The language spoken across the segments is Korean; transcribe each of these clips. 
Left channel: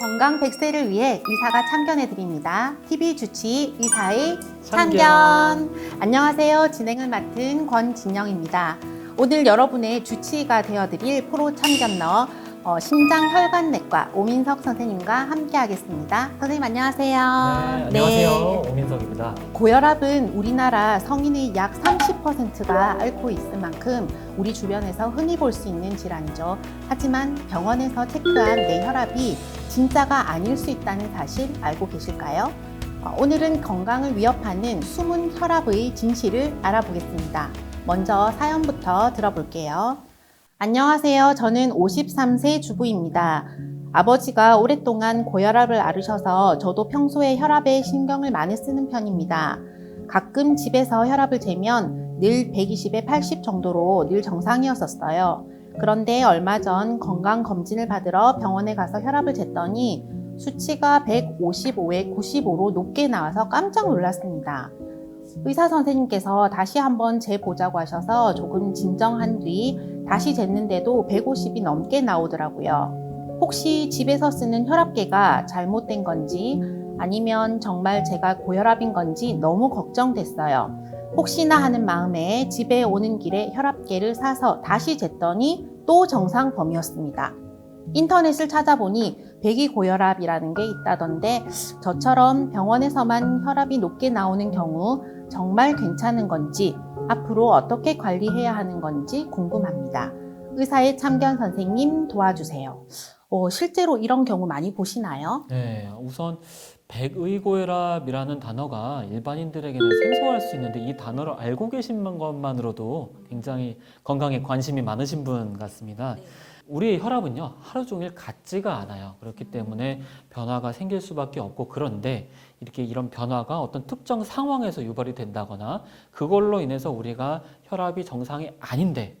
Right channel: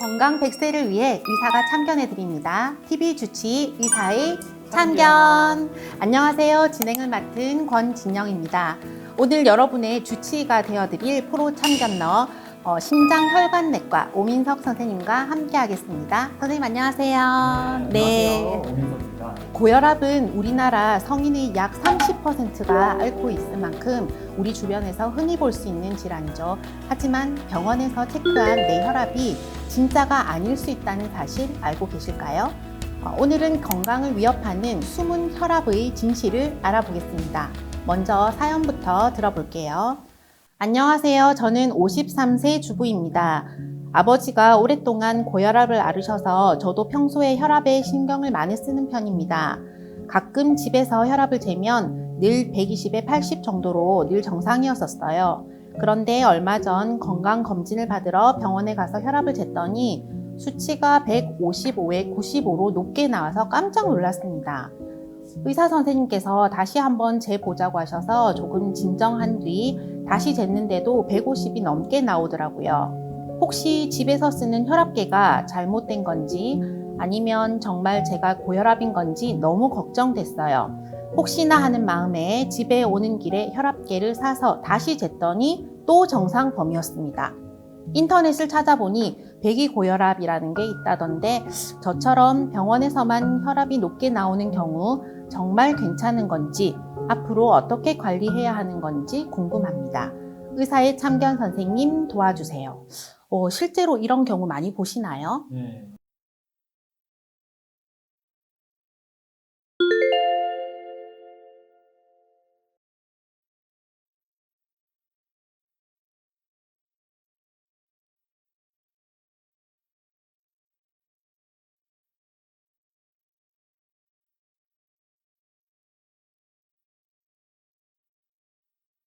건강 100세를 위해 의사가 참견해 드립니다. TV 주치 의사의 참견. 안녕하세요. 진행을 맡은 권진영입니다. 오늘 여러분의 주치의가 되어드릴 프로 참견러 심장혈관내과 오민석 선생님과 함께 하겠습니다. 선생님 안녕하세요. 안녕하세요. 오민석입니다. 고혈압은 우리나라 성인의 약 30%가 앓고 있을 만큼 우리 주변에서 흔히 볼 수 있는 질환이죠. 하지만 병원에서 체크한 내 혈압이 진짜가 아닐 수 있다는 사실 알고 계실까요? 오늘은 건강을 위협하는 숨은 혈압의 진실을 알아보겠습니다. 먼저 사연부터 들어볼게요. 안녕하세요. 저는 53세 주부입니다. 아버지가 오랫동안 고혈압을 앓으셔서 저도 평소에 혈압에 신경을 많이 쓰는 편입니다. 가끔 집에서 혈압을 재면 늘 120에 80 정도로 늘 정상이었었어요. 그런데 얼마 전 건강검진을 받으러 병원에 가서 혈압을 쟀더니 수치가 155에 95로 높게 나와서 깜짝 놀랐습니다. 의사 선생님께서 다시 한번 재보자고 하셔서 조금 진정한 뒤 다시 쟀는데도 150이 넘게 나오더라고요. 혹시 집에서 쓰는 혈압계가 잘못된 건지 아니면 정말 제가 고혈압인 건지 너무 걱정됐어요. 혹시나 하는 마음에 집에 오는 길에 혈압계를 사서 다시 쟀더니 또 정상 범위였습니다. 인터넷을 찾아보니 배기고혈압이라는 게 있다던데 저처럼 병원에서만 혈압이 높게 나오는 경우 정말 괜찮은 건지 앞으로 어떻게 관리해야 하는 건지 궁금합니다. 의사의 참견 선생님 도와주세요. 실제로 이런 경우 많이 보시나요? 네, 우선 백의고혈압이라는 단어가 일반인들에게는 생소할 수 있는데 이 단어를 알고 계신 것만으로도 굉장히 건강에 관심이 많으신 분 같습니다. 우리의 혈압은요 하루 종일 같지가 않아요. 그렇기 때문에 변화가 생길 수밖에 없고, 그런데 이런 변화가 어떤 특정 상황에서 유발이 된다거나 그걸로 인해서 우리가 혈압이 정상이 아닌데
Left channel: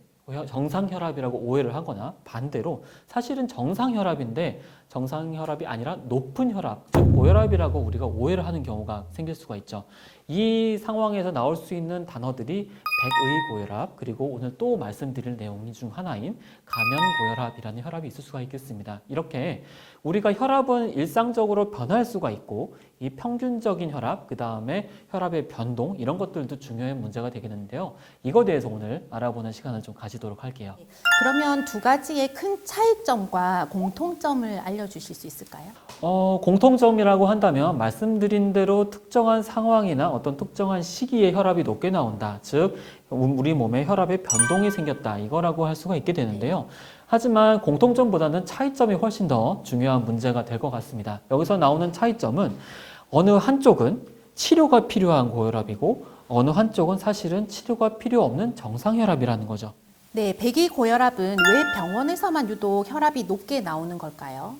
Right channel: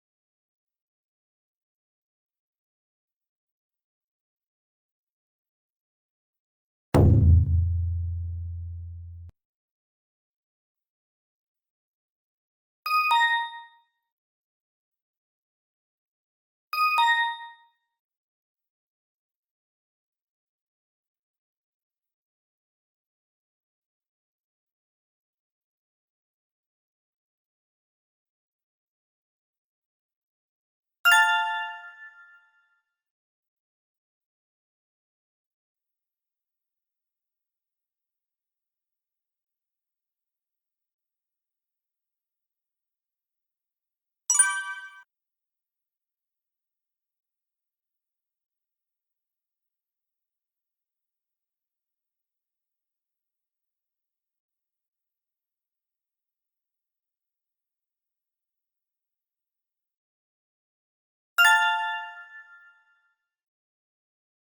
정상혈압이라고 오해를 하거나, 반대로 사실은 정상혈압인데 정상혈압이 아니라 높은 혈압, 즉 고혈압이라고 우리가 오해를 하는 경우가 생길 수가 있죠. 이 상황에서 나올 수 있는 단어들이 백의고혈압, 그리고 오늘 또 말씀드릴 내용 중 하나인 가면고혈압이라는 혈압이 있을 수가 있겠습니다. 이렇게 우리가 혈압은 일상적으로 변할 수가 있고, 이 평균적인 혈압, 그 다음에 혈압의 변동, 이런 것들도 중요한 문제가 되겠는데요. 이거에 대해서 오늘 알아보는 시간을 좀 가지도록 할게요. 그러면 두 가지의 큰 차이점과 공통점을 알려주실 수 있을까요? 공통점이라고 한다면 말씀드린 대로 특정한 상황이나 어떤 특정한 시기에 혈압이 높게 나온다. 즉 우리 몸에 혈압의 변동이 생겼다. 이거라고 할 수가 있게 되는데요. 하지만 공통점보다는 차이점이 훨씬 더 중요한 문제가 될 것 같습니다. 여기서 나오는 차이점은 어느 한쪽은 치료가 필요한 고혈압이고 어느 한쪽은 사실은 치료가 필요 없는 정상혈압이라는 거죠. 네, 배기고혈압은 왜 병원에서만 유독 혈압이 높게 나오는 걸까요?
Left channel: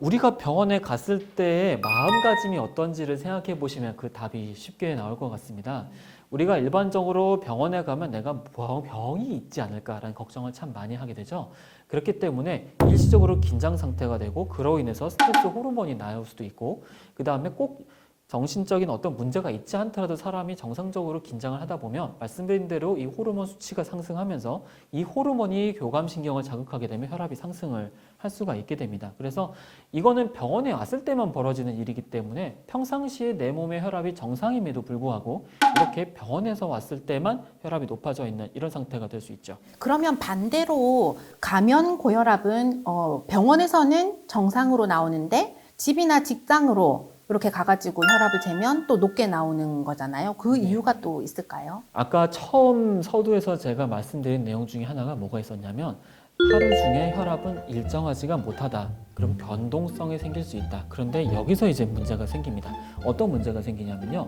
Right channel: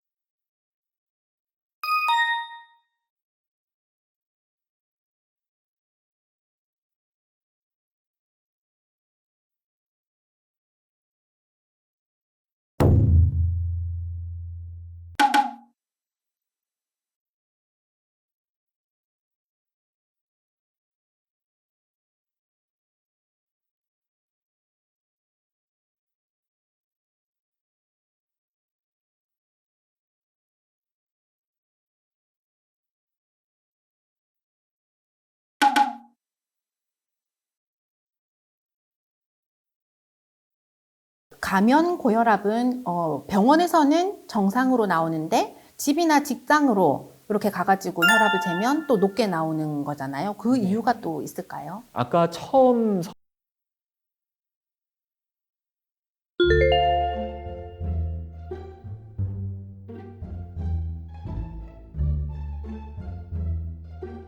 우리가 병원에 갔을 때의 마음가짐이 어떤지를 생각해 보시면 그 답이 쉽게 나올 것 같습니다. 우리가 일반적으로 병원에 가면 내가 병이 있지 않을까라는 걱정을 참 많이 하게 되죠. 그렇기 때문에 일시적으로 긴장 상태가 되고, 그로 인해서 스트레스 호르몬이 나올 수도 있고, 그 다음에 꼭 정신적인 어떤 문제가 있지 않더라도 사람이 정상적으로 긴장을 하다 보면 말씀드린 대로 이 호르몬 수치가 상승하면서 이 호르몬이 교감신경을 자극하게 되면 혈압이 상승을 할 수가 있게 됩니다. 그래서 이거는 병원에 왔을 때만 벌어지는 일이기 때문에 평상시에 내 몸의 혈압이 정상임에도 불구하고 이렇게 병원에서 왔을 때만 혈압이 높아져 있는 이런 상태가 될 수 있죠. 그러면 반대로 가면고혈압은 병원에서는 정상으로 나오는데 집이나 직장으로 이렇게 가가지고 혈압을 재면 또 높게 나오는 거잖아요. 그 이유가 또 있을까요? 아까 처음 서두에서 제가 말씀드린 내용 중에 하나가 뭐가 있었냐면, 하루 중에 혈압은 일정하지가 못하다. 그럼 변동성이 생길 수 있다. 그런데 여기서 이제 문제가 생깁니다. 어떤 문제가 생기냐면요.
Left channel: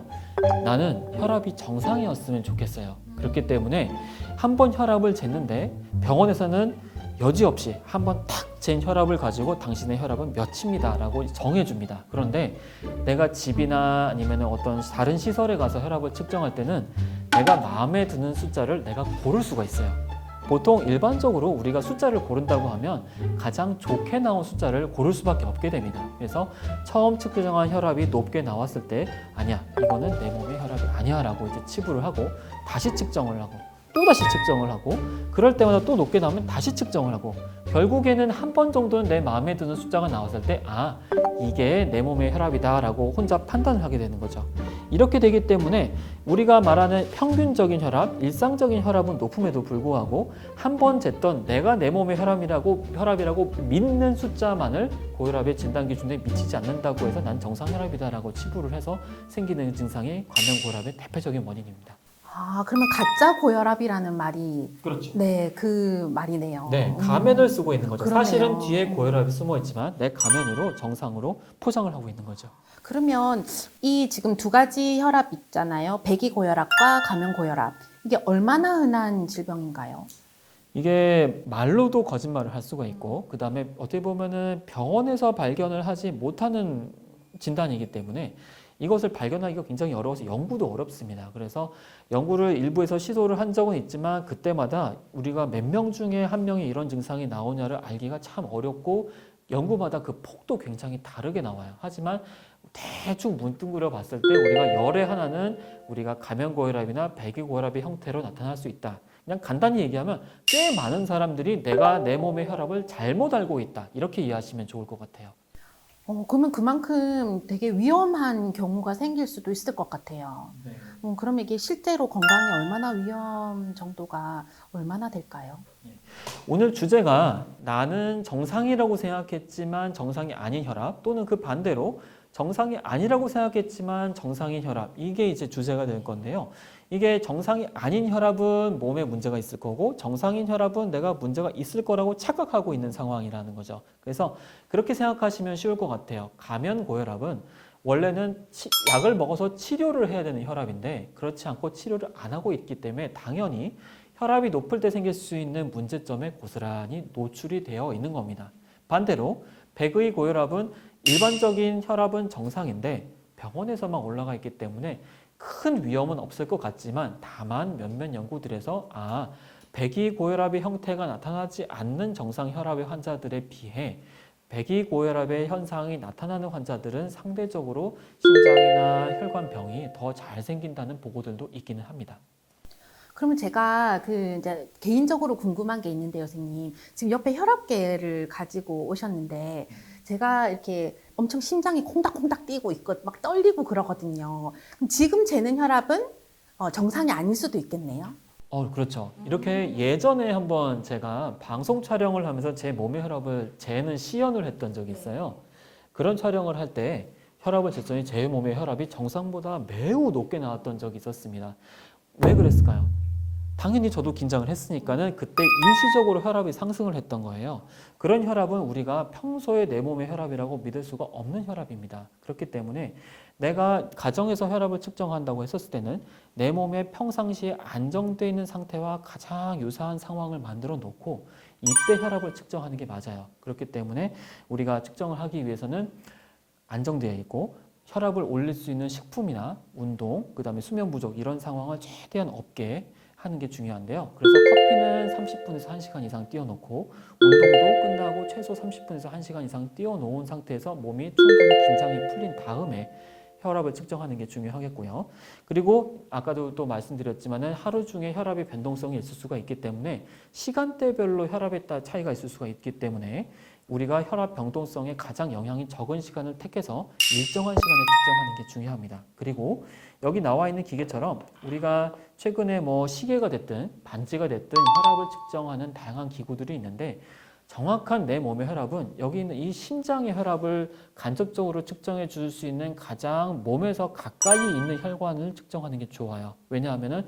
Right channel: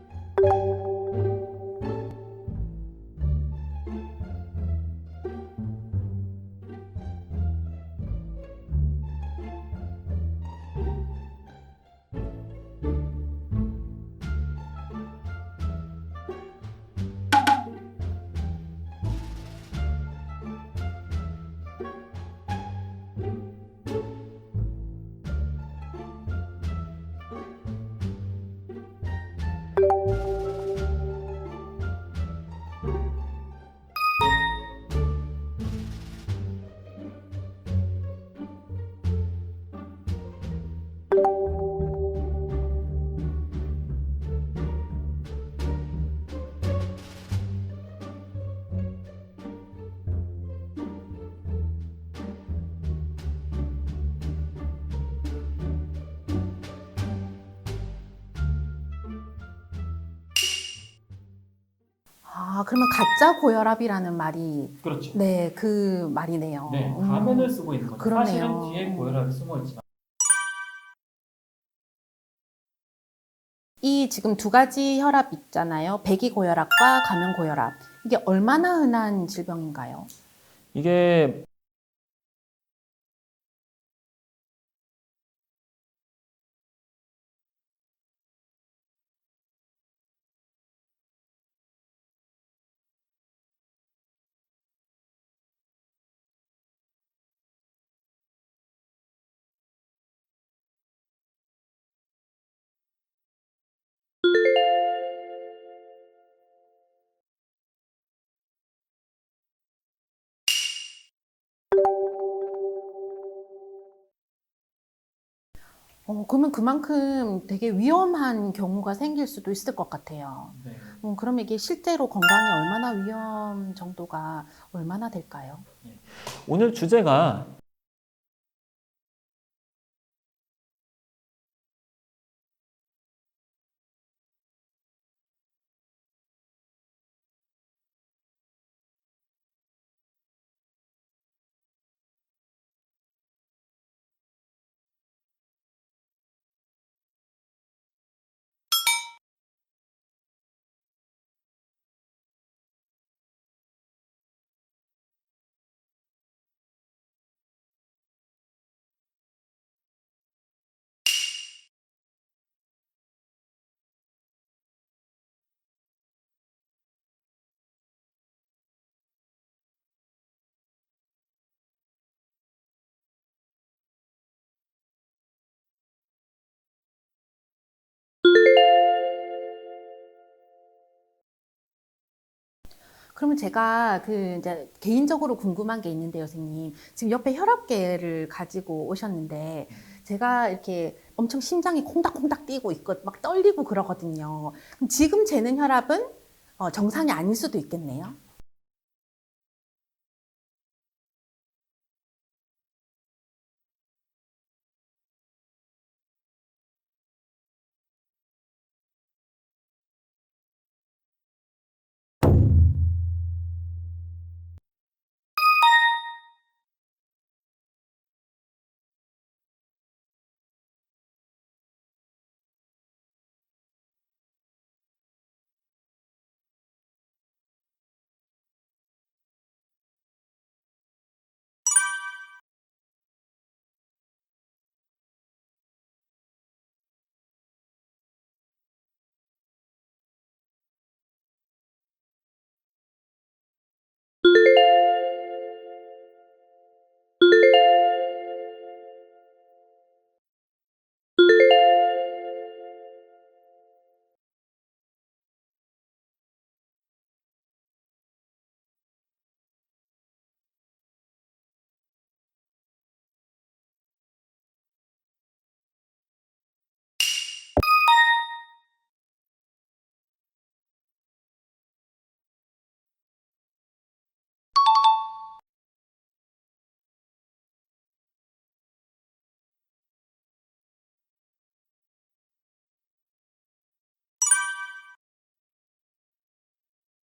나는 혈압이 정상이었으면 좋겠어요. 그렇기 때문에 한번 혈압을 쟀는데 병원에서는 여지없이 한번 탁 잰 혈압을 가지고 당신의 혈압은 몇입니다 라고 정해줍니다. 그런데 내가 집이나 아니면 어떤 다른 시설에 가서 혈압을 측정할 때는 내가 마음에 드는 숫자를 내가 고를 수가 있어요. 보통 일반적으로 우리가 숫자를 고른다고 하면 가장 좋게 나온 숫자를 고를 수밖에 없게 됩니다. 그래서 처음 측정한 혈압이 높게 나왔을 때 아니야, 이거는 내 몸의 혈압이 아니야 라고 이제 치부를 하고 다시 측정을 하고, 또다시 측정을 하고 그럴 때마다 또 높게 나오면 다시 측정을 하고 결국에는 한 번 정도는 내 마음에 드는 숫자가 나왔을 때 이게 내 몸의 혈압이다 라고 혼자 판단을 하게 되는 거죠. 이렇게 되기 때문에 우리가 말하는 평균적인 혈압, 일상적인 혈압은 높음에도 불구하고 한 번 쟀던 내가 내 몸의 혈압이라고 믿는 숫자만을 고혈압의 진단 기준에 미치지 않는다고 해서 난 정상혈압이다라고 치부를 해서 생기는 증상이 과민고혈압의 대표적인 원인입니다. 그러면 가짜 고혈압이라는 말이 그렇죠. 네, 그 말이네요. 네, 가면을 쓰고 있는 거죠. 그러네요. 사실은 뒤에 고혈압이 숨어 있지만 내 가면으로 정상으로 포장을 하고 있는 거죠. 그러면 이 지금 두 가지 혈압 있잖아요. 배기고혈압과 가면고혈압. 이게 얼마나 흔한 질병인가요? 이게 말로도 거짓말을 할 수가 있고 그다음에 어떻게 보면은 병원에서 발견을 하지 못하는 진단이기 때문에 이것을 발견하기가 굉장히 어려워서 연구도 어렵습니다. 그래서 연구를 일부에서 시도를 한 적은 있지만 그때마다 우리가 몇 명 중에 한 명이 이런 증상이 나오냐를 알기가 참 어렵고 연구마다 그 폭도 굉장히 다르게 나와요. 하지만 대충 문득그려 봤을 때 우리가 열의 하나는 우리가 가면고혈압이나 배기고혈압의 형태로 나타날 수 있다. 그냥 간단히 얘기하면 꽤 많은 사람들이 내가 내 몸의 혈압을 잘못 알고 있다. 이렇게 이해하시면 좋을 것 같아요. 그러면 그만큼 되게 위험한 경우가 생길 수도 있을 것 같아요. 네. 그러면 이게 실제로 건강에 얼마나 위험 정도가 얼마나 될까요? 오늘 주제가 나는 정상이라고 생각했지만 정상이 아닌 혈압 또는 그 반대로 정상이 아니라고 생각했지만 정상인 혈압 이게 이제 주제가 될 건데요. 이게 정상이 아닌 혈압은 몸에 문제가 있을 거고 정상인 혈압은 내가 문제가 있을 거라고 착각하고 있는 상황이라는 거죠. 그래서 그렇게 생각하시면 쉬울 것 같아요. 가면고혈압은 원래는 약을 먹어서 치료를 해야 되는 혈압인데 그렇지 않고 치료를 안 하고 있기 때문에 당연히 혈압이 높을 때 생길 수 있는 문제점에 고스란히 노출이 되어 있는 겁니다. 반대로 백의 고혈압은 일반적인 혈압은 정상인데 병원에서만 올라가 있기 때문에 큰 위험은 없을 것 같지만 다만 몇몇 연구들에서 배기고혈압의 형태가 나타나지 않는 정상 혈압의 환자들에 비해 배기고혈압의 현상이 나타나는 환자들은 상대적으로 심장이나 혈관병이 더 잘 생긴다는 보고들도 있기는 합니다. 그러면 제가 이제 개인적으로 궁금한 게 있는데요, 선생님. 지금 옆에 혈압계를 가지고 오셨는데 제가 이렇게 엄청 심장이 콩닥콩닥 뛰고 있고 막 떨리고 그러거든요. 그럼 지금 재는 혈압은 정상이 아닐 수도 있겠네요. 그렇죠. 이렇게 예전에 한번 제가 방송 촬영을 하면서 제 몸의 혈압을 재는 시연을 했던 적이 있어요. 그런 촬영을 할 때 혈압을 쟀더니 제 몸의 혈압이 정상보다 매우 높게 나왔던 적이 있었습니다. 왜 그랬을까요? 당연히 저도 긴장을 했으니까는 그때 일시적으로 혈압이 상승을 했던 거예요. 그런 혈압은 우리가 평소에 내 몸의 혈압이라고 믿을 수가 없는 혈압입니다. 그렇기 때문에 내가 가정에서 혈압을 측정한다고 했었을 때는 내 몸에 평상시에 안정되어 있는 상태와 가장 유사한 상황을 만들어 놓고 이때 혈압을 측정하는 게 맞아요. 그렇기 때문에 우리가 측정을 하기 위해서는 안정되어 있고 혈압을 올릴 수 있는 식품이나 운동, 그다음에 수면 부족 이런 상황을 최대한 없게 하는 게 중요한데요. 그래서 커피는 30분에서 1시간 이상 띄워놓고 운동도 끝나고 최소 30분에서 1시간 이상 띄워놓은 상태에서 몸이 충분히 긴장이 풀린 다음에 혈압을 측정하는 게 중요하겠고요. 그리고 아까도 또 말씀드렸지만은 하루 중에 혈압의 변동성이 있을 수가 있기 때문에 시간대별로 혈압에 따라 차이가 있을 수가 있기 때문에 우리가 혈압 변동성에 가장 영향이 적은 시간을 택해서 일정한 시간에 측정하는 게 중요합니다. 그리고 여기 나와 있는 기계처럼 우리가 최근에 시계가 됐든 반지가 됐든 혈압을 측정하는 다양한 기구들이 있는데 정확한 내 몸의 혈압은 여기 있는 이 심장의 혈압을 간접적으로 측정해 줄 수 있는 가장 몸에서 가까이 있는 혈관을 측정하는 게 좋아요. 왜냐하면은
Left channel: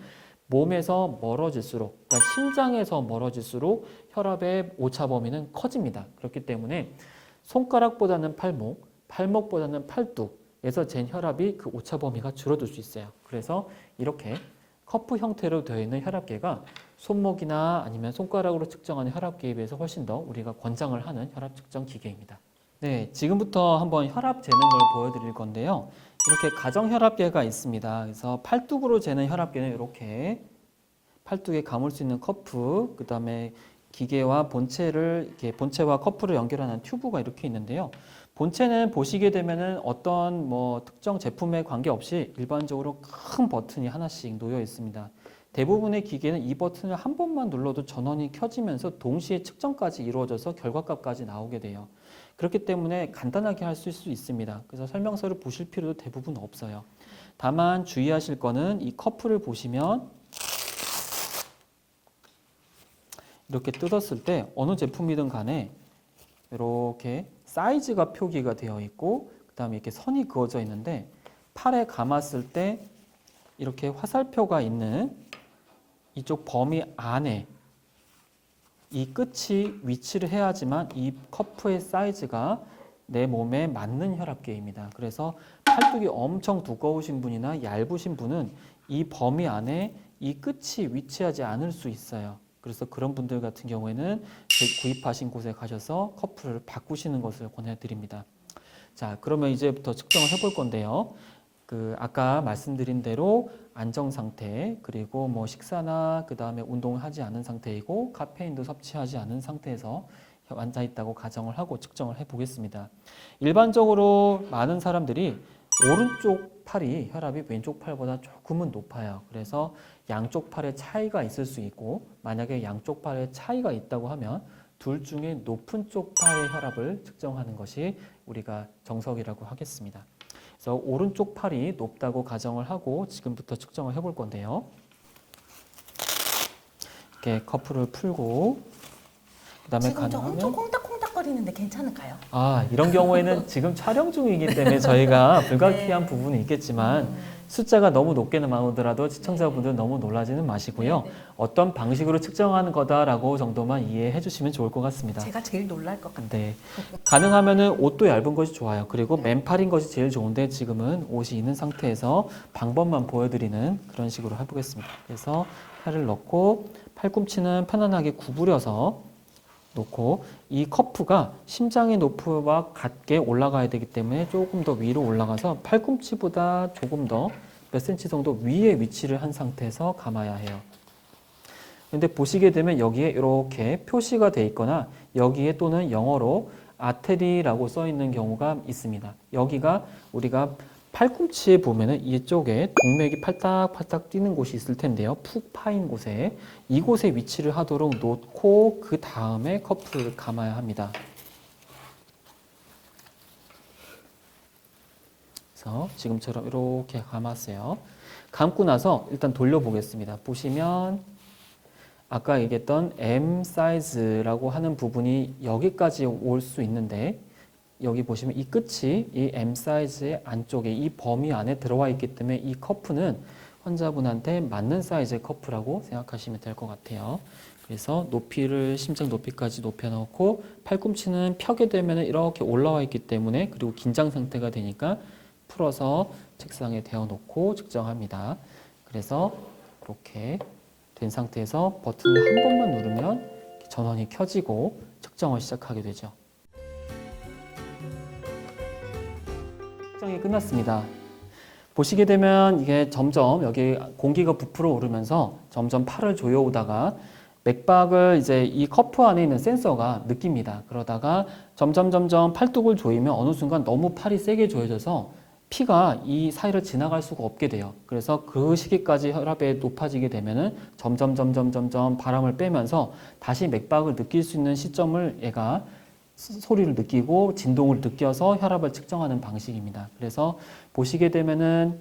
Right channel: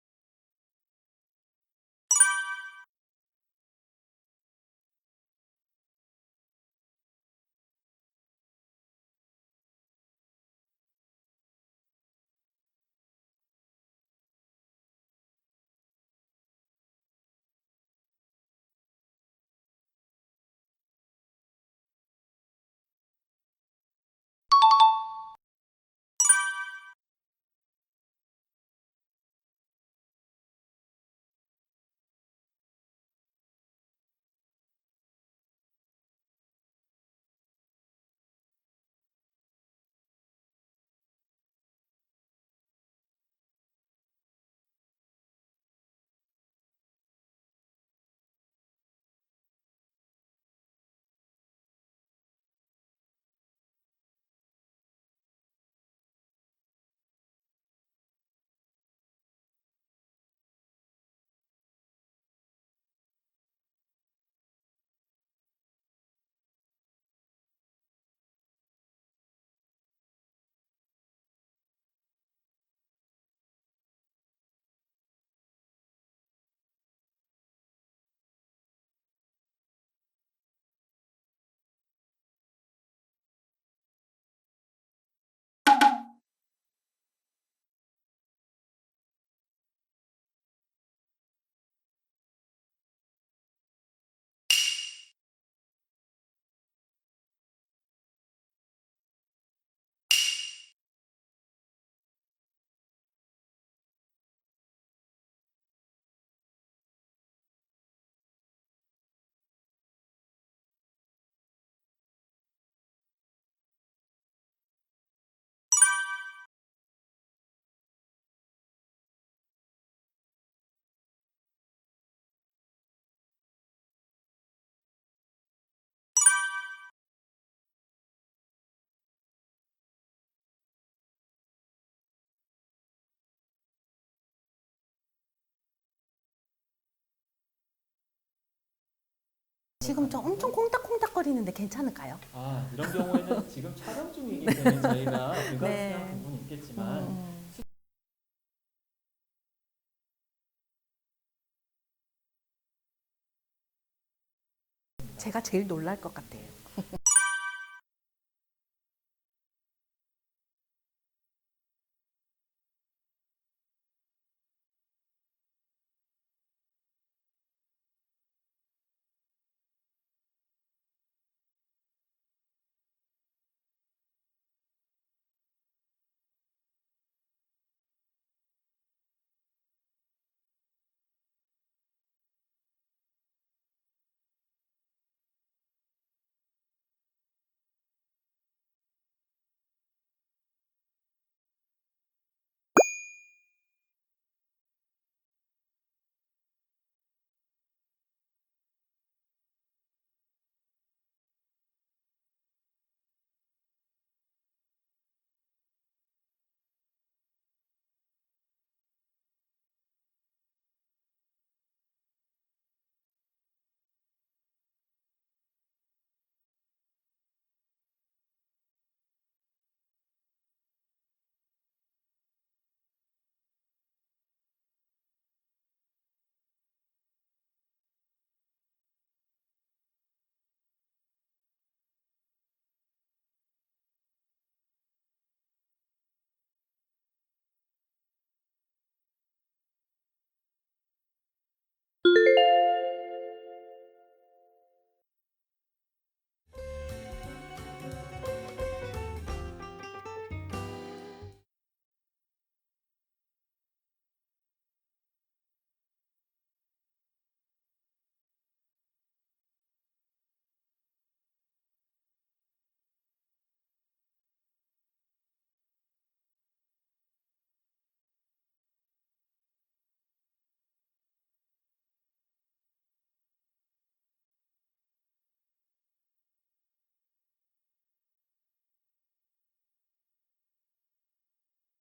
몸에서 멀어질수록, 그러니까 심장에서 멀어질수록 혈압의 오차 범위는 커집니다. 그렇기 때문에 손가락보다는 팔목, 팔목보다는 팔뚝에서 잰 혈압이 그 오차 범위가 줄어들 수 있어요. 그래서 이렇게 커프 형태로 되어 있는 혈압계가 손목이나 아니면 손가락으로 측정하는 혈압계에 비해서 훨씬 더 우리가 권장을 하는 혈압 측정 기계입니다. 네, 지금부터 한번 혈압 재는 걸 보여드릴 건데요. 이렇게 가정 혈압계가 있습니다. 그래서 팔뚝으로 재는 혈압계는 이렇게 팔뚝에 감을 수 있는 커프, 그 다음에 기계와 본체와 커프를 연결하는 튜브가 이렇게 있는데요. 본체는 보시게 되면은 어떤 특정 제품에 관계없이 일반적으로 큰 버튼이 하나씩 놓여 있습니다. 대부분의 기계는 이 버튼을 한 번만 눌러도 전원이 켜지면서 동시에 측정까지 이루어져서 결과값까지 나오게 돼요. 그렇기 때문에 간단하게 할 수 있습니다. 그래서 설명서를 보실 필요도 대부분 없어요. 다만 주의하실 거는 이 커플을 보시면 이렇게 뜯었을 때 어느 제품이든 간에 이렇게 사이즈가 표기가 되어 있고 그 다음에 이렇게 선이 그어져 있는데 팔에 감았을 때 이렇게 화살표가 있는 이쪽 범위 안에 이 끝이 위치를 해야지만 이 커프의 사이즈가 내 몸에 맞는 혈압계입니다. 그래서 팔뚝이 엄청 두꺼우신 분이나 얇으신 분은 이 범위 안에 이 끝이 위치하지 않을 수 있어요. 그래서 그런 분들 같은 경우에는 구입하신 곳에 가셔서 커프를 바꾸시는 것을 권해드립니다. 자, 그러면 이제부터 측정을 해볼 건데요. 아까 말씀드린 대로 안정 상태, 그리고 뭐 식사나 그 다음에 운동을 하지 않은 상태이고 카페인도 섭취하지 않은 상태에서 앉아 있다고 가정을 하고 측정을 해보겠습니다. 일반적으로 많은 사람들이 오른쪽 팔이 혈압이 왼쪽 팔보다 조금은 높아요. 그래서 양쪽 팔에 차이가 있을 수 있고 만약에 양쪽 팔에 차이가 있다고 하면 둘 중에 높은 쪽 팔의 혈압을 측정하는 것이 우리가 정석이라고 하겠습니다. 그래서 오른쪽 팔이 높다고 가정을 하고 지금부터 측정을 해볼 건데요. 이렇게 커플을 풀고 그다음에 지금 저 엄청 콩닥콩닥거리는데 괜찮을까요? 이런 경우에는 지금 촬영 중이기 때문에 저희가 불가피한 부분이 있겠지만 숫자가 너무 높게 나오더라도 시청자분들은 너무 놀라지는 마시고요. 어떤 방식으로 측정하는 거다라고 정도만 이해해 주시면 좋을 것 같습니다. 제가 제일 놀랄 것 같아요. 네. 가능하면은 옷도 얇은 것이 좋아요. 그리고 맨팔인 것이 제일 좋은데 지금은 옷이 있는 상태에서 방법만 보여드리는 그런 식으로 해보겠습니다. 그래서 팔을 넣고 팔꿈치는 편안하게 구부려서 놓고 이 커프가 심장의 높이와 같게 올라가야 되기 때문에 조금 더 위로 올라가서 팔꿈치보다 조금 더 몇 센치 정도 위에 위치를 한 상태에서 감아야 해요. 근데 보시게 되면 여기에 이렇게 표시가 돼 있거나 여기에 또는 영어로 아테리라고 써 있는 경우가 있습니다. 여기가 우리가 팔꿈치에 보면은 이쪽에 동맥이 팔딱팔딱 뛰는 곳이 있을 텐데요. 푹 파인 곳에 이곳에 위치를 하도록 놓고 그 다음에 커프를 감아야 합니다. 그래서 지금처럼 이렇게 감았어요. 감고 나서 일단 돌려보겠습니다. 보시면 아까 얘기했던 M 사이즈라고 하는 부분이 여기까지 올 수 있는데 여기 보시면 이 끝이 이 M 사이즈의 안쪽에 이 범위 안에 들어와 있기 때문에 이 커프는 환자분한테 맞는 사이즈의 커프라고 생각하시면 될 것 같아요. 그래서 높이를 심장 높이까지 높여놓고 팔꿈치는 펴게 되면 이렇게 올라와 있기 때문에 그리고 긴장 상태가 되니까 풀어서 책상에 대어놓고 측정합니다. 그래서 이렇게 된 상태에서 버튼을 한 번만 누르면 전원이 켜지고 측정을 시작하게 되죠. 측정이 끝났습니다. 보시게 되면 이게 점점 여기 공기가 부풀어 오르면서 점점 팔을 조여오다가 맥박을 이제 이 커프 안에 있는 센서가 느낍니다. 그러다가 점점 팔뚝을 조이면 어느 순간 너무 팔이 세게 조여져서 피가 이 사이를 지나갈 수가 없게 돼요. 그래서 그 시기까지 혈압이 높아지게 되면은 점점 바람을 빼면서 다시 맥박을 느낄 수 있는 시점을 얘가 소리를 느끼고 진동을 느껴서 혈압을 측정하는 방식입니다. 그래서 보시게 되면은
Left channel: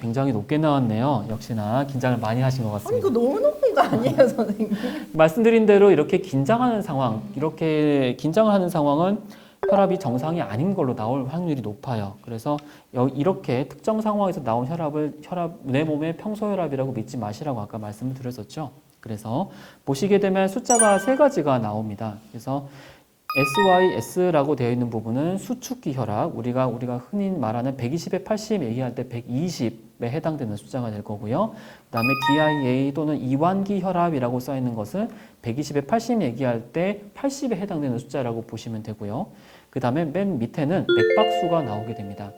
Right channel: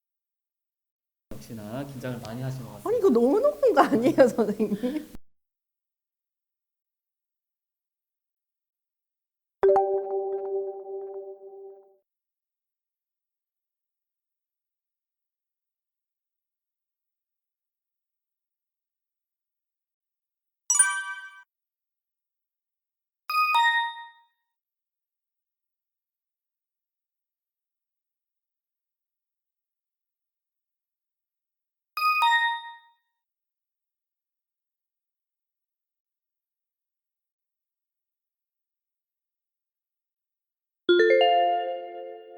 굉장히 높게 나왔네요. 역시나 긴장을 많이 하신 것 같습니다. 아니 이거 너무 높은 거 아니에요, 선생님? 말씀드린 대로 이렇게 긴장하는 상황, 이렇게 긴장을 하는 상황은 혈압이 정상이 아닌 걸로 나올 확률이 높아요. 그래서 이렇게 특정 상황에서 나온 혈압을 내 몸의 평소 혈압이라고 믿지 마시라고 아까 말씀을 드렸었죠. 그래서 보시게 되면 숫자가 세 가지가 나옵니다. 그래서 SYS라고 되어 있는 부분은 수축기 혈압, 우리가 흔히 말하는 120에 80 얘기할 때 120에 해당되는 숫자가 될 거고요. 그다음에 DIA 또는 이완기 혈압이라고 써 있는 것은 120에 80 얘기할 때 80에 해당되는 숫자라고 보시면 되고요. 그 다음에 맨 밑에는 맥박수가 나오게 됩니다.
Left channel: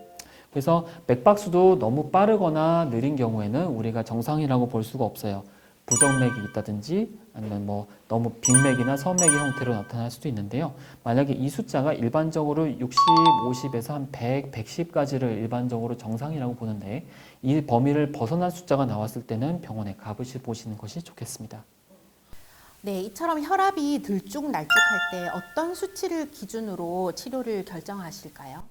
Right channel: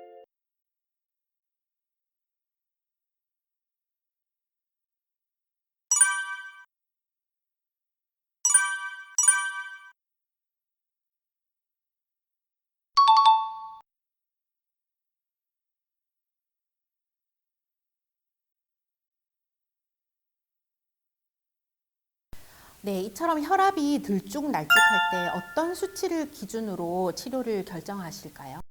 그래서 맥박수도 너무 빠르거나 느린 경우에는 우리가 정상이라고 볼 수가 없어요. 부정맥이 있다든지 아니면 뭐 너무 빈맥이나 선맥의 형태로 나타날 수도 있는데요. 만약에 이 숫자가 일반적으로 60, 50에서 한 100, 110까지를 일반적으로 정상이라고 보는데 이 범위를 벗어난 숫자가 나왔을 때는 병원에 가보시는 것이 좋겠습니다. 네, 이처럼 혈압이 들쭉날쭉할 때 어떤 수치를 기준으로 치료를 결정하실까요?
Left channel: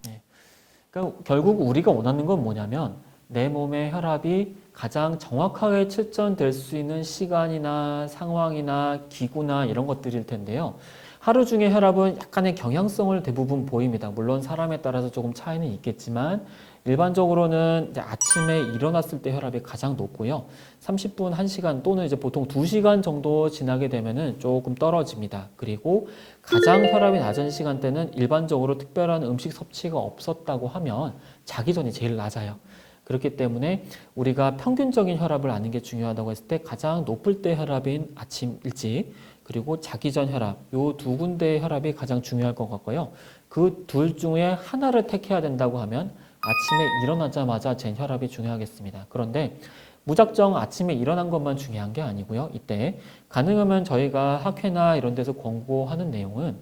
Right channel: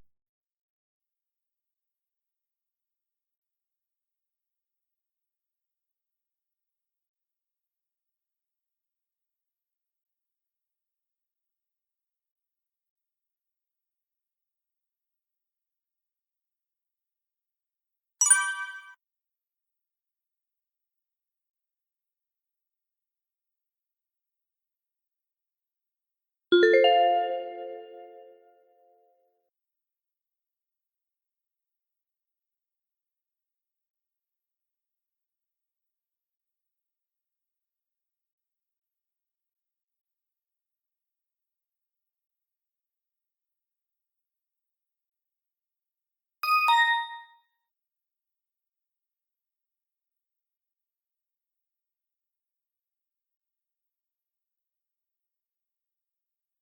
그러니까 결국 우리가 원하는 건 뭐냐면 내 몸의 혈압이 가장 정확하게 측정될 수 있는 시간이나 상황이나 기구나 이런 것들일 텐데요. 하루 중에 혈압은 약간의 경향성을 대부분 보입니다. 물론 사람에 따라서 조금 차이는 있겠지만 일반적으로는 이제 아침에 일어났을 때 혈압이 가장 높고요. 30분, 1시간 또는 이제 보통 2시간 정도 지나게 되면은 조금 떨어집니다. 그리고 가장 혈압이 낮은 시간대는 일반적으로 특별한 음식 섭취가 없었다고 하면 자기 전이 제일 낮아요. 그렇기 때문에 우리가 평균적인 혈압을 아는 게 중요하다고 했을 때 가장 높을 때 혈압인 아침 일찍 그리고 자기 전 혈압 요 두 군데의 혈압이 가장 중요할 것 같고요. 그 둘 중에 하나를 택해야 된다고 하면 아침에 일어나자마자 잰 혈압이 중요하겠습니다. 그런데 무작정 아침에 일어난 것만 중요한 게 아니고요. 이때 가능하면 저희가 학회나 이런 데서 권고하는 내용은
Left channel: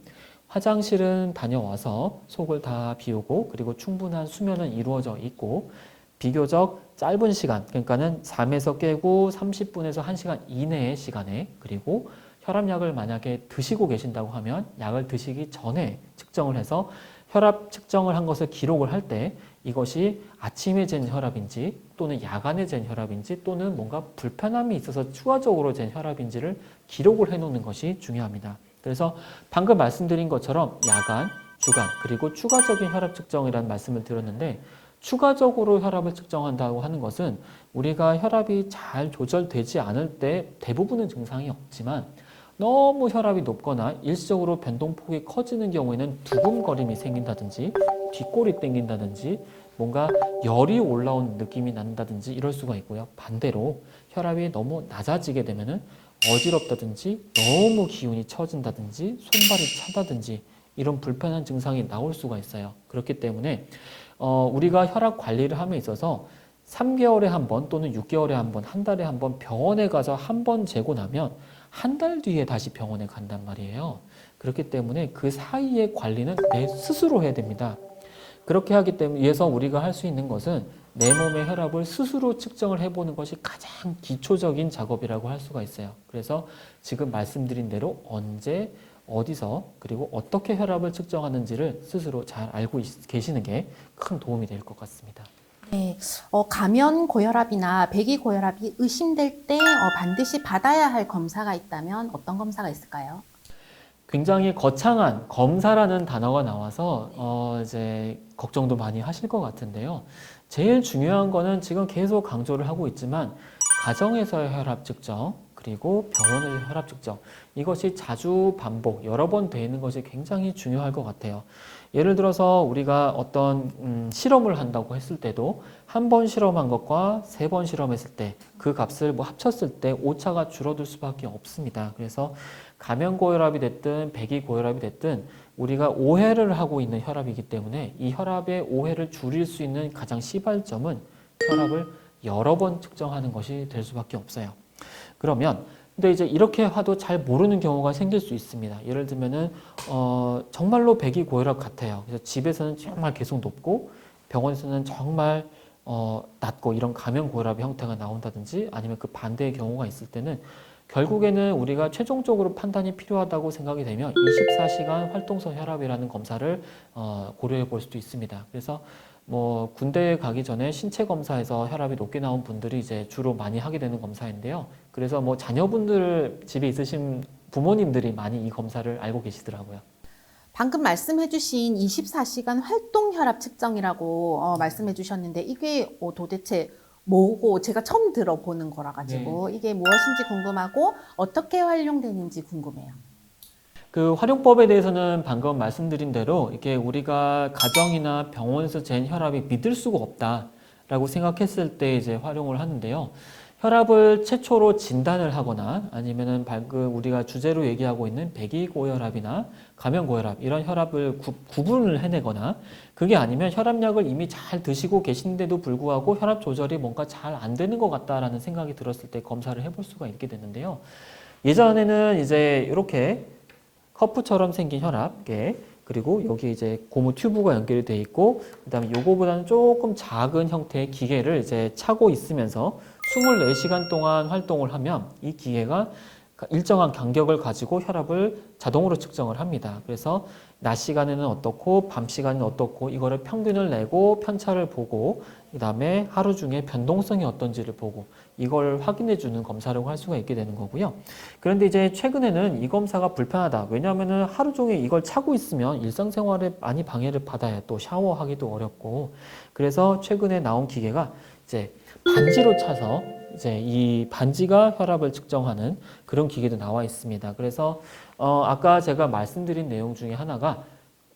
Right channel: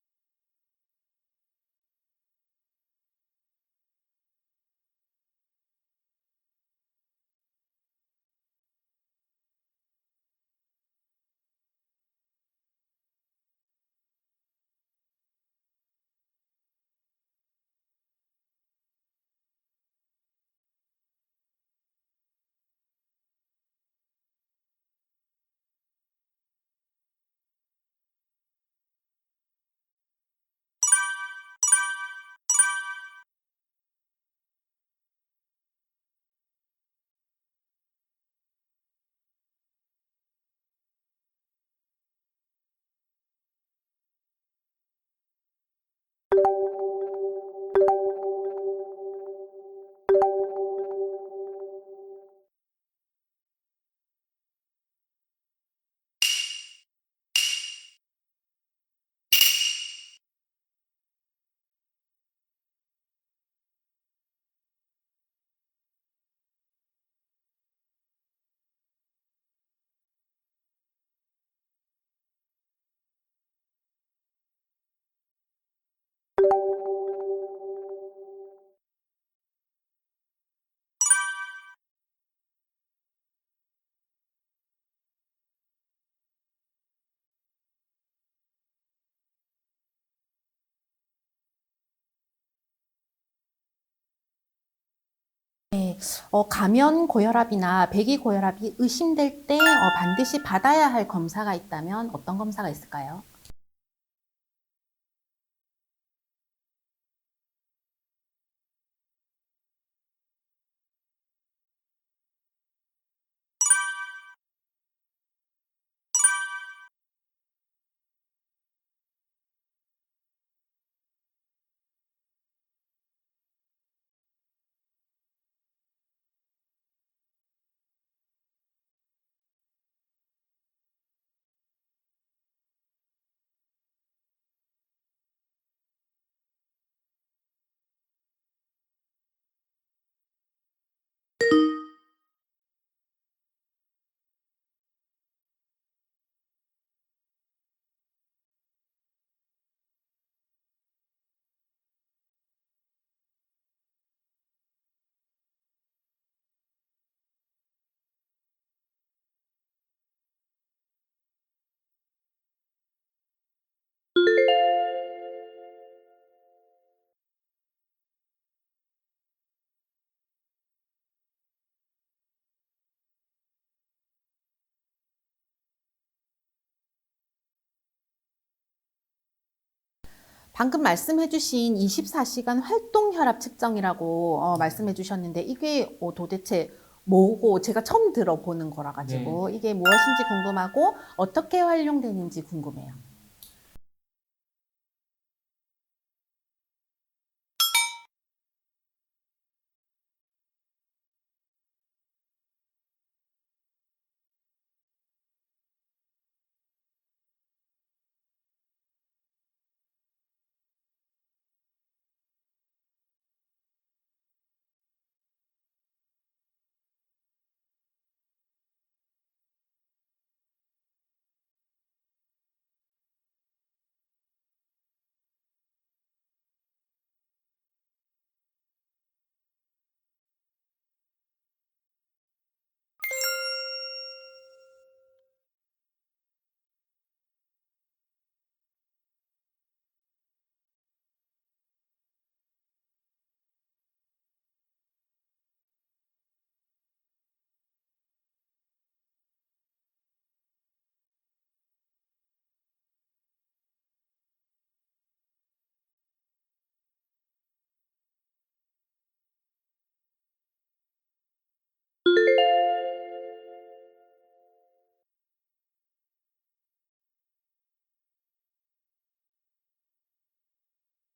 화장실은 다녀와서 속을 다 비우고 그리고 충분한 수면은 이루어져 있고 비교적 짧은 시간, 그러니까는 잠에서 깨고 30분에서 1시간 이내의 시간에 그리고 혈압약을 만약에 드시고 계신다고 하면 약을 드시기 전에 측정을 해서 혈압 측정을 한 것을 기록을 할 때 이것이 아침에 잰 혈압인지 또는 야간에 잰 혈압인지 또는 뭔가 불편함이 있어서 추가적으로 잰 혈압인지를 기록을 해놓는 것이 중요합니다. 그래서 방금 말씀드린 것처럼 야간, 주간 그리고 추가적인 혈압 측정이라는 말씀을 드렸는데 추가적으로 혈압을 측정한다고 하는 것은 우리가 혈압이 잘 조절되지 않을 때 대부분은 증상이 없지만 너무 혈압이 높거나 일시적으로 변동폭이 커지는 경우에는 두근거림이 생긴다든지 뒷골이 땡긴다든지 뭔가 열이 올라온 느낌이 난다든지 이럴 수가 있고요. 반대로 혈압이 너무 낮아지게 되면은 어지럽다든지 너무 기운이 처진다든지 손발이 차다든지 이런 불편한 증상이 나올 수가 있어요. 그렇기 때문에 우리가 혈압 관리를 함에 있어서 3개월에 한 번 또는 6개월에 한 번, 한 달에 한 번 병원에 가서 한 번 재고 나면 한 달 뒤에 다시 병원에 간단 말이에요. 그렇기 때문에 그 사이의 관리는 내 스스로 해야 됩니다. 그렇게 하기 때문에 위해서 우리가 할 수 있는 것은 내 몸의 혈압을 스스로 측정을 해보는 것이 가장 기초적인 작업이라고 할 수가 있어요. 그래서 지금 말씀드린 대로 언제, 어디서, 그리고 어떻게 혈압을 측정하는지를 스스로 잘 알고 계시는 게 큰 도움이 될 것 같습니다. 네, 가면 고혈압이나 배기 고혈압이 의심될 때 반드시 받아야 할 검사가 있다면 어떤 검사가 있을까요? 굉장히 거창한 검사라는 단어가 나와서 이제 걱정도 많이 하실 것 같은데요. 제일 중요한 거는 지금 계속 강조를 하고 있지만 가정에서의 혈압 측정 그리고 병원의 혈압 측정 이것이 자주 반복 여러 번 되는 것이 굉장히 중요할 것 같아요. 예를 들어서 우리가 어떤 실험을 한다고 했을 때도 한 번 실험한 것과 3번 실험했을 때 그 값을 뭐 합쳤을 때 오차가 줄어들 수밖에 없습니다. 그래서 가면 고혈압이 됐든 배기 고혈압이 됐든 우리가 오해를 하고 있는 혈압이기 때문에 이 혈압의 오해를 줄일 수 있는 가장 시발점은 혈압을 여러 번 측정하는 것이 될 수밖에 없어요. 그러면 근데 이제 이렇게 해도 잘 모르는 경우가 생길 수 있습니다. 예를 들면은 정말로 배기 고혈압 같아요. 그래서 집에서는 정말 계속 높고 병원에서는 정말 낮고 이런 가면 고혈압의 형태가 나온다든지 아니면 그 반대의 경우가 있을 때는 결국에는 우리가 최종적으로 판단이 필요하다고 생각이 되면 24시간 활동성 혈압이라는 검사를 고려해 볼 수도 있습니다. 그래서 뭐 군대에 가기 전에 신체 검사에서 혈압이 높게 나온 분들이 이제 주로 많이 하게 되는 검사인데요. 그래서 뭐 자녀분들 집에 있으신 부모님들이 많이 이 검사를 알고 계시더라고요. 방금 말씀해주신 24시간 활동 혈압 측정이라고 말씀해주셨는데 이게 도대체 뭐고 제가 처음 들어보는 거라 가지고 이게 무엇인지 궁금하고 어떻게 활용되는지 궁금해요. 그 활용법에 대해서는 방금 말씀드린 대로 이게 우리가 가정이나 병원에서 잰 혈압이 믿을 수가 없다라고 생각했을 때 이제 활용을 하는데요. 혈압을 최초로 진단을 하거나 아니면은 방금 우리가 주제로 얘기하고 있는 배기고혈압이나 감염고혈압 이런 혈압을 구분을 해내거나 그게 아니면 혈압약을 이미 잘 드시고 계신데도 불구하고 혈압 조절이 뭔가 잘 안 되는 것 같다라는 생각이 들었을 때 검사를 해볼 수가 있게 되는데요. 예전에는 이제 이렇게 커프처럼 생긴 혈압계 그리고 여기 이제 고무 튜브가 연결이 돼 있고 그다음에 요거보다는 조금 작은 형태의 기계를 이제 차고 있으면서 24시간 동안 활동을 하면 이 기계가 일정한 간격을 가지고 혈압을 자동으로 측정을 합니다. 그래서 낮 시간에는 어떻고 밤 시간에는 어떻고 이거를 평균을 내고 편차를 보고 그다음에 하루 중에 변동성이 어떤지를 보고 이걸 확인해 주는 검사를 할 수가 있게 되는 거고요. 그런데 이제 최근에는 이 검사가 불편하다. 왜냐하면 하루 종일 이걸 차고 있으면 일상생활에 많이 방해를 받아요. 또 샤워하기도 어렵고. 그래서 최근에 나온 기계가 이제 반지로 차서 이제 이 반지가 혈압을 측정하는 그런 기계도 나와 있습니다. 그래서 아까 제가 말씀드린 내용 중에 하나가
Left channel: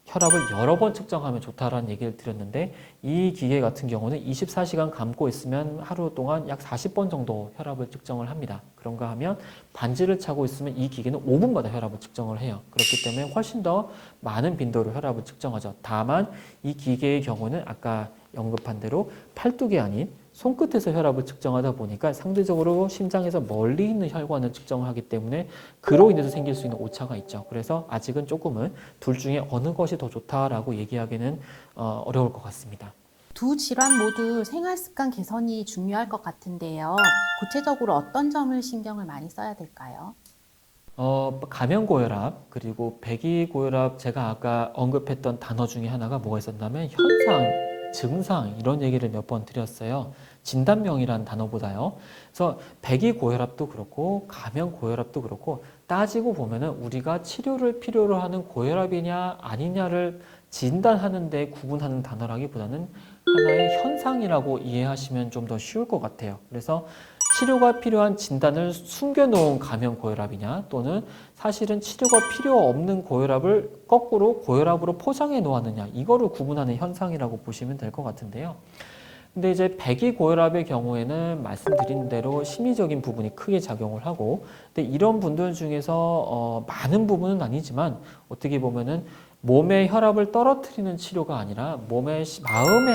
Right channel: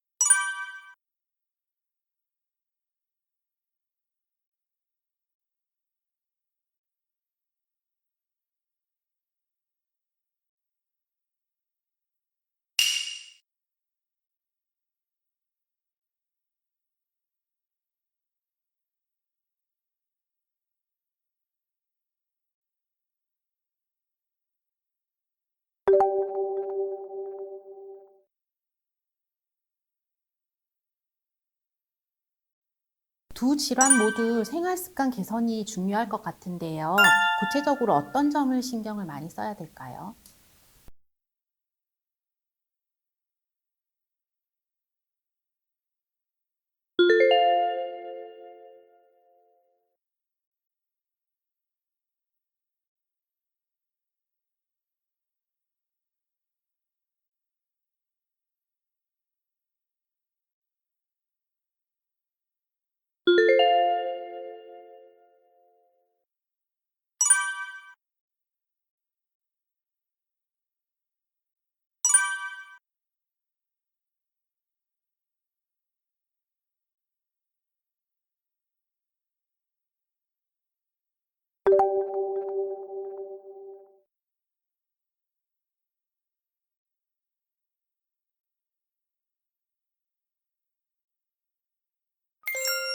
혈압을 여러 번 측정하면 좋다라는 얘기를 드렸는데 이 기계 같은 경우는 24시간 감고 있으면 하루 동안 약 40번 정도 혈압을 측정을 합니다. 그런가 하면 반지를 차고 있으면 이 기계는 5분마다 혈압을 측정을 해요. 그렇기 때문에 훨씬 더 많은 빈도로 혈압을 측정하죠. 다만 이 기계의 경우는 아까 언급한 대로 팔뚝이 아닌 손끝에서 혈압을 측정하다 보니까 상대적으로 심장에서 멀리 있는 혈관을 측정하기 때문에 그로 인해서 생길 수 있는 오차가 있죠. 그래서 아직은 조금은 둘 중에 어느 것이 더 좋다라고 얘기하기는 어려울 것 같습니다. 두 질환 모두 생활 습관 개선이 중요할 것 같은데요. 구체적으로 어떤 점을 신경을 많이 써야 될까요? 감염고혈압 그리고 배기고혈압 제가 아까 언급했던 단어 중에 하나가 뭐가 있었냐면 현상, 증상 이런 얘기를 몇 번 드렸어요. 진단명이라는 단어보다요. 그래서 배기고혈압도 그렇고 감염고혈압도 그렇고 따지고 보면은 우리가 치료를 필요로 하는 고혈압이냐 아니냐를 진단하는 데 구분하는 단어라기보다는 하나의 현상이라고 이해하시면 좀 더 쉬울 것 같아요. 그래서 치료가 필요한 진단을 숨겨놓은 감염고혈압이냐 또는 사실은 치료가 필요 없는 고혈압을 거꾸로 고혈압으로 포장해 놓았느냐 이거를 구분하는 현상이라고 보시면 될 것 같은데요. 근데 이제 배기고혈압의 경우에는 말씀드린 대로 심리적인 부분이 크게 작용을 하고 근데 이런 분들 중에서 많은 부분은 아니지만 어떻게 보면은 몸의 혈압을 떨어뜨리는 치료가 아니라 마음의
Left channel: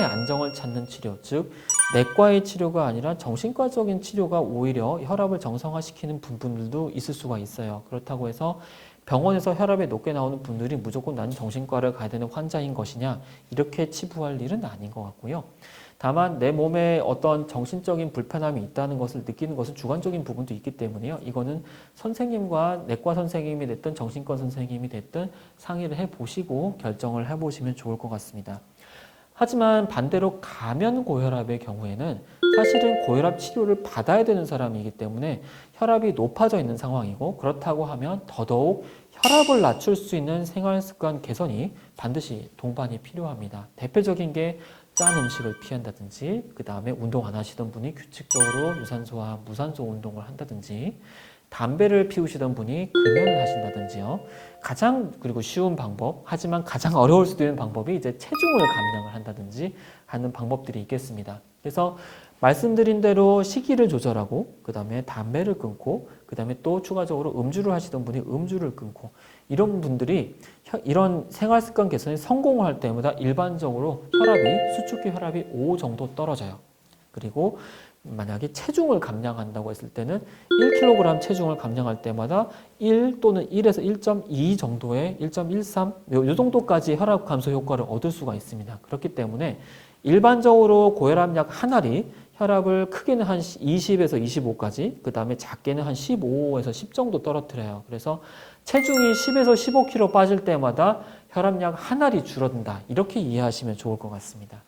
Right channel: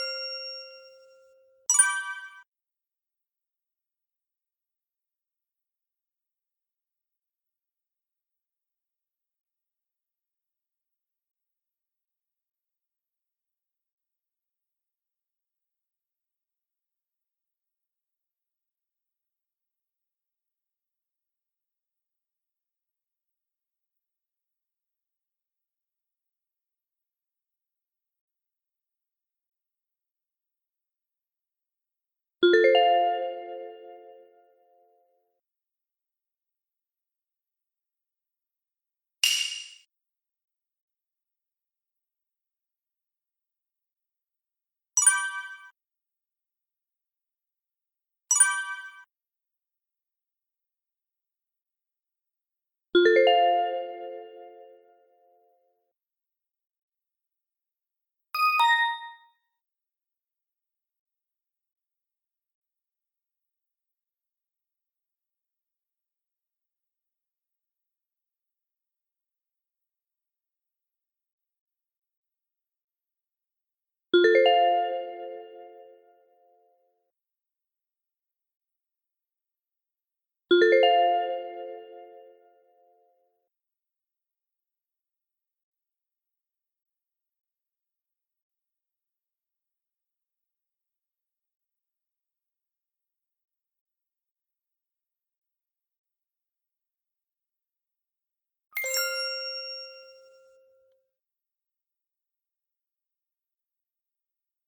안정을 찾는 치료 즉 내과의 치료가 아니라 정신과적인 치료가 오히려 혈압을 정상화시키는 부분들도 있을 수가 있어요. 그렇다고 해서 병원에서 혈압이 높게 나오는 분들이 무조건 나는 정신과를 가야 되는 환자인 것이냐 이렇게 치부할 일은 아닌 것 같고요. 다만 내 몸에 어떤 정신적인 불편함이 있다는 것을 느끼는 것은 주관적인 부분도 있기 때문에요. 이거는 선생님과 내과 선생님이 됐든 정신과 선생님이 됐든 상의를 해보시고 결정을 해보시면 좋을 것 같습니다. 하지만 반대로 감염고혈압의 경우에는 사실은 고혈압 치료를 받아야 되는 사람이기 때문에 혈압이 높아져 있는 상황이고 그렇다고 하면 더더욱 혈압을 낮출 수 있는 생활습관 개선이 반드시 동반이 필요합니다. 대표적인 게 짠 음식을 피한다든지 그 다음에 운동 안 하시던 분이 규칙적으로 유산소와 무산소 운동을 한다든지 담배를 피우시던 분이 금연을 하신다든지요. 그리고 쉬운 방법, 하지만 가장 어려울 수도 있는 방법이 이제 체중을 감량을 한다든지 하는 방법들이 있겠습니다. 그래서 말씀드린 대로 식이를 조절하고, 그 다음에 담배를 끊고, 그 다음에 또 추가적으로 음주를 하시던 분이 음주를 끊고, 이런 분들이 이런 생활습관 개선에 성공을 할 때마다 일반적으로 수축기 혈압이 5 정도 떨어져요. 그리고 만약에 체중을 감량한다고 했을 때는 1kg 체중을 감량할 때마다 1 또는 1에서 1.2 정도의 1.13, 이 정도까지 혈압 감소 효과를 얻을 수가 있습니다. 그렇기 때문에 일반적으로 고혈압 약 한 알이 혈압을 크게는 한 20에서 25까지, 그 다음에 작게는 한 15에서 10 정도 떨어뜨려요. 그래서 체중이 10에서 15kg 빠질 때마다 혈압약 한 알이 줄어든다. 이렇게 이해하시면 좋을 것 같습니다.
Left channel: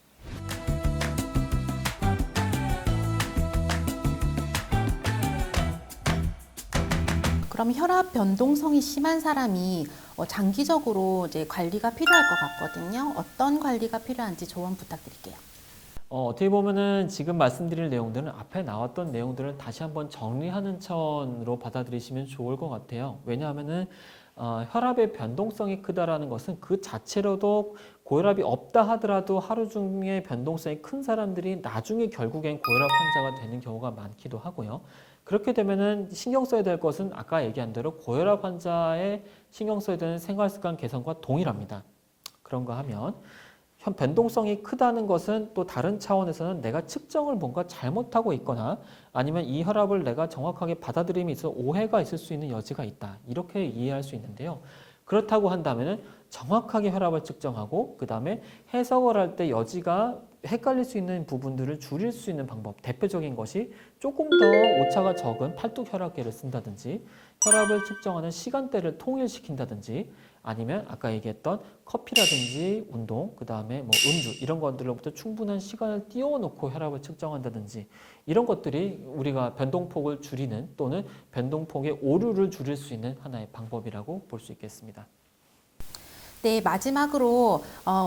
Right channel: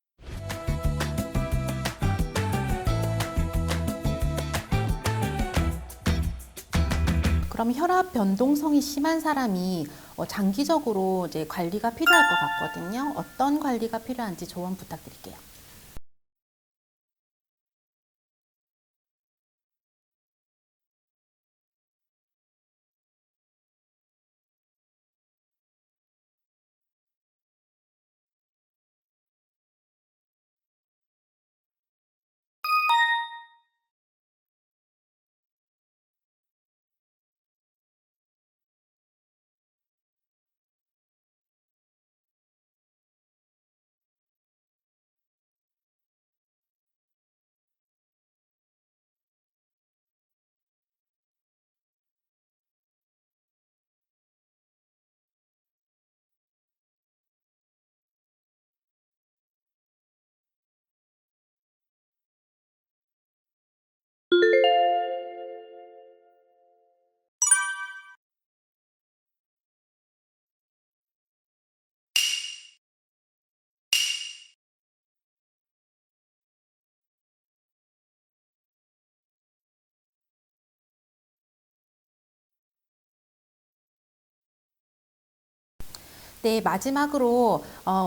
그럼 혈압 변동성이 심한 사람이 장기적으로 이제 관리가 필요할 것 같거든요. 어떤 관리가 필요한지 조언 부탁드릴게요. 어떻게 보면은 지금 말씀드릴 내용들은 앞에 나왔던 내용들을 다시 한번 정리하는 차원으로 받아들이시면 좋을 것 같아요. 왜냐하면은 혈압의 변동성이 크다라는 것은 그 자체로도 고혈압이 없다 하더라도 하루 중에 변동성이 큰 사람들이 나중에 결국엔 고혈압 환자가 되는 경우가 많기도 하고요. 그렇게 되면은 신경 써야 될 것은 아까 얘기한 대로 고혈압 환자의 신경 써야 되는 생활습관 개선과 동일합니다. 그런가 하면 변동성이 크다는 것은 또 다른 차원에서는 내가 측정을 뭔가 잘못하고 있거나 아니면 이 혈압을 내가 정확하게 받아들임에 있어 오해가 있을 수 있는 여지가 있다. 이렇게 이해할 수 있는데요. 그렇다고 한다면은 정확하게 혈압을 측정하고 그 다음에 해석을 할 때 여지가 헷갈릴 수 있는 부분들을 줄일 수 있는 방법. 대표적인 것이 조금 더 오차가 적은 팔뚝 혈압계를 쓴다든지 혈압을 측정하는 시간대를 통일시킨다든지 아니면 아까 얘기했던 커피라든지 운동, 그 다음에 뭐 음주 이런 것들로부터 충분한 시간을 띄워놓고 혈압을 측정한다든지 이런 것들이 우리가 변동폭을 줄이는 또는 변동폭의 오류를 줄일 수 있는 하나의 방법이라고 볼 수 있겠습니다. 네, 마지막으로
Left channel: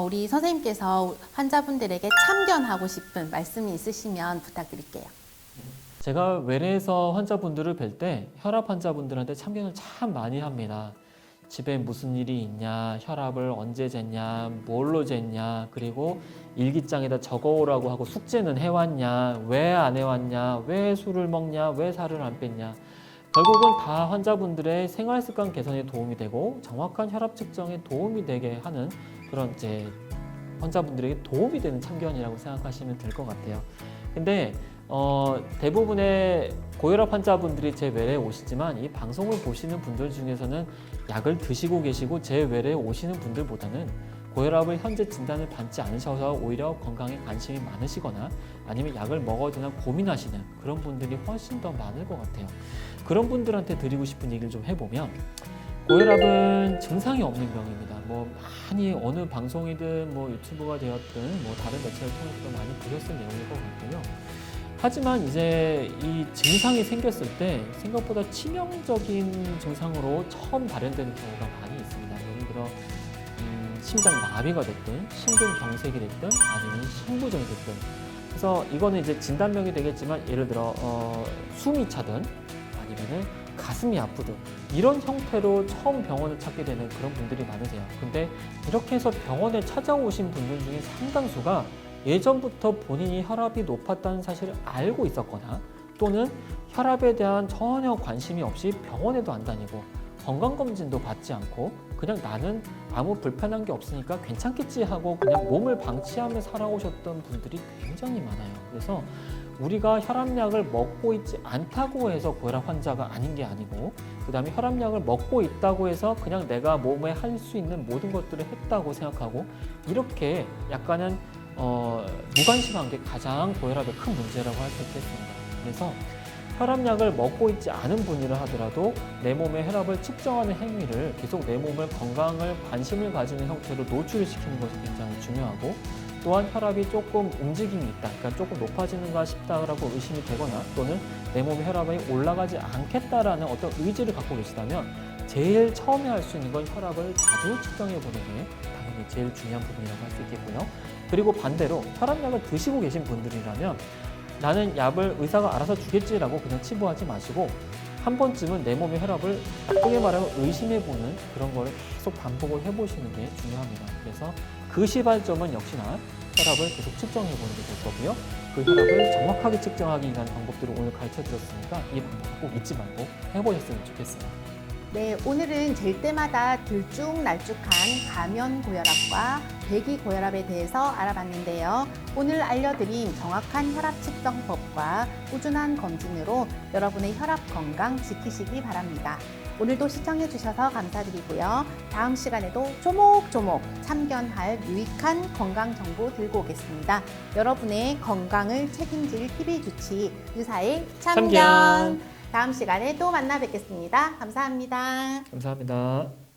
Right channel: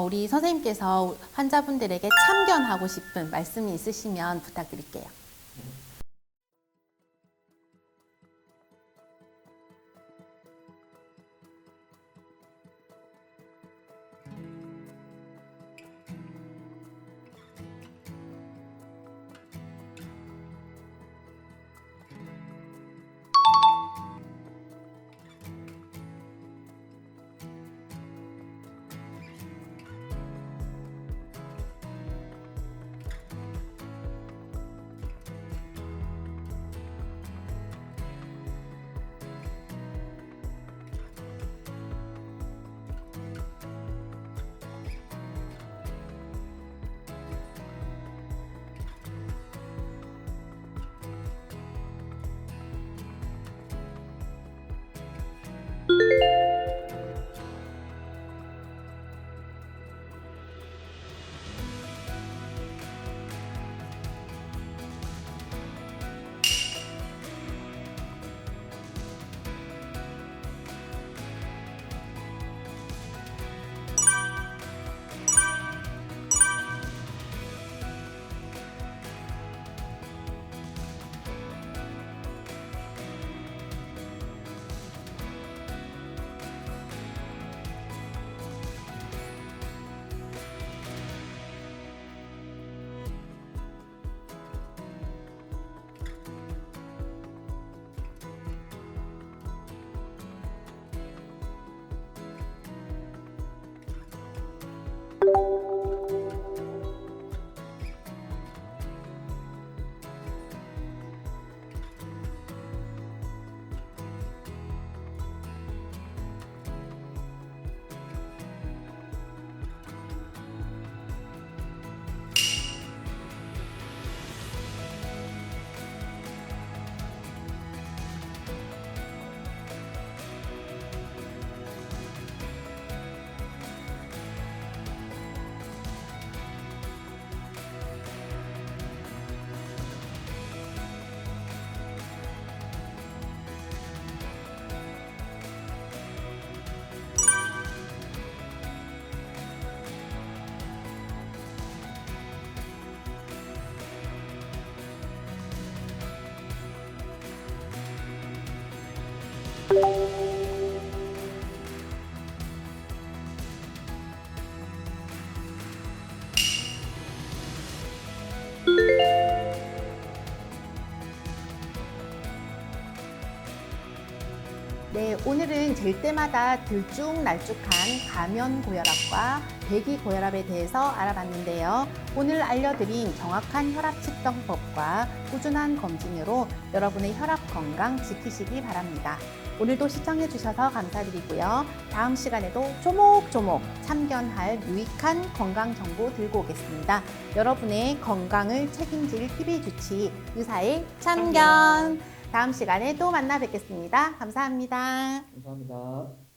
우리 선생님께서 환자분들에게 참견하고 싶은 말씀이 있으시면 부탁드릴게요. 제가 외래에서 환자분들을 뵐 때 혈압 환자분들한테 참견을 참 많이 합니다. 집에 무슨 일이 있냐, 혈압을 언제 쟀냐, 뭘로 쟀냐, 그리고 일기장에다 적어오라고 하고 숙제는 해왔냐, 왜 안 해왔냐, 왜 술을 먹냐, 왜 살을 안 뺐냐. 결국은 다 환자분들의 생활습관 개선에 도움이 되고 정확한 혈압 측정에 도움이 되게 하는 그런 이제 환자분들에게 도움이 되는 참견이라고 생각하시면 될 것 같아요. 근데 대부분의 고혈압 환자분들이 제 외래에 오시지만 이 방송을 보시는 분들 중에서는 약을 드시고 계시고 제 외래에 오시는 분들보다는 고혈압을 현재 진단을 받지 않으셔서 오히려 건강에 관심이 많으시거나 아니면 약을 먹어야 되나 고민하시는 그런 분들이 훨씬 더 많을 것 같아요. 그런 분들한테 드리고 싶은 얘기를 좀 해보면 고혈압은 증상이 없는 병입니다. 뭐 많이 어느 방송이든 뭐 유튜브가 되었든 뭐 다른 매체를 통해서 많이 드렸을 내용일 것 같고요. 하지만 이제 이 증상이 생겼을 때 생각보다 치명적인 증상으로 처음 발현되는 경우가 많이 있습니다. 예를 들어 심장 마비가 됐든 심근경색이 됐든 아니면 심부전이 됐든 그래서 이거는 이제 진단명이 되겠지만 예를 들어 숨이 차든 아니면 가슴이 아프든 이런 형태로 처음 병원을 찾게 되는 그런 분들이 많으세요. 근데 이렇게 해서 병원에 찾아오신 분들 중에 상당수가 예전부터 본인이 혈압이 높았다는 사실을 알고 있었거나 또는 혈압에 대한 전혀 관심이 없이 병원에도 안 다니고 건강검진도 받지 않고 그냥 나는 아무 불편한 게 없으니까 괜찮겠지 하고 그냥 몸을 방치하며 살아오셨던 분들이 굉장히 많아요. 그래서 우리가 혈압약을 먹고 있지 않다고 해서 고혈압 환자가 아닌 게 아니고 그 다음에 혈압약을 먹고 있다고 해서 그냥 내가 몸에 할 수 있는 모든 것들을 했다고 생각하고 이렇게 약간은 무관심한 게 가장 고혈압의 큰 문제라고 할 수 있겠습니다. 그래서 혈압약을 먹고 있지 않은 분이라 하더라도 내 몸의 혈압을 측정하는 행위를 계속 내 몸의 건강을 관심을 가지는 형태로 노출시키는 것이 굉장히 중요하고 또한 혈압이 조금 움직임이 있다, 그러니까 조금 높아지는가 싶다라고 의심이 되거나 또는 내 몸의 혈압이 올라가지 않겠다라는 어떤 의지를 갖고 계시다면 제일 처음에 할 수 있는 건 혈압을 자주 측정해 보는 게 제일 중요한 부분이라고 할 수 있겠고요. 그리고 반대로 혈압약을 드시고 계신 분들이라면 나는 약을 의사가 알아서 주겠지라고 그냥 치부하지 마시고 한 번쯤은 내 몸의 혈압을 쉽게 말하면 의심해보는 그런 거를 계속 반복을 해보시는 게 중요합니다. 그래서 그 시발점은 역시나 혈압을 계속 측정해보는 게 될 거고요. 그 혈압을 정확하게 측정하기 위한 방법들을 오늘 가르쳐드렸으니까 이 방법 꼭 잊지 말고 해보셨으면 좋겠습니다. 네, 오늘은 잴 때마다 들쭉날쭉한 가면 고혈압과 배기 고혈압에 대해서 알아봤는데요. 오늘 알려드린 정확한 혈압 측정법과 꾸준한 검진으로 여러분의 혈압 건강 지키시기 바랍니다. 오늘도 시청해주셔서 감사드리고요. 다음 시간에도 조목조목 참견할 유익한 건강 정보 들고 오겠습니다. 여러분의 건강을 책임질 TV의 주치 의사의 참견. 다음 시간에 또 만나 뵙겠습니다. 감사합니다. 감사합니다.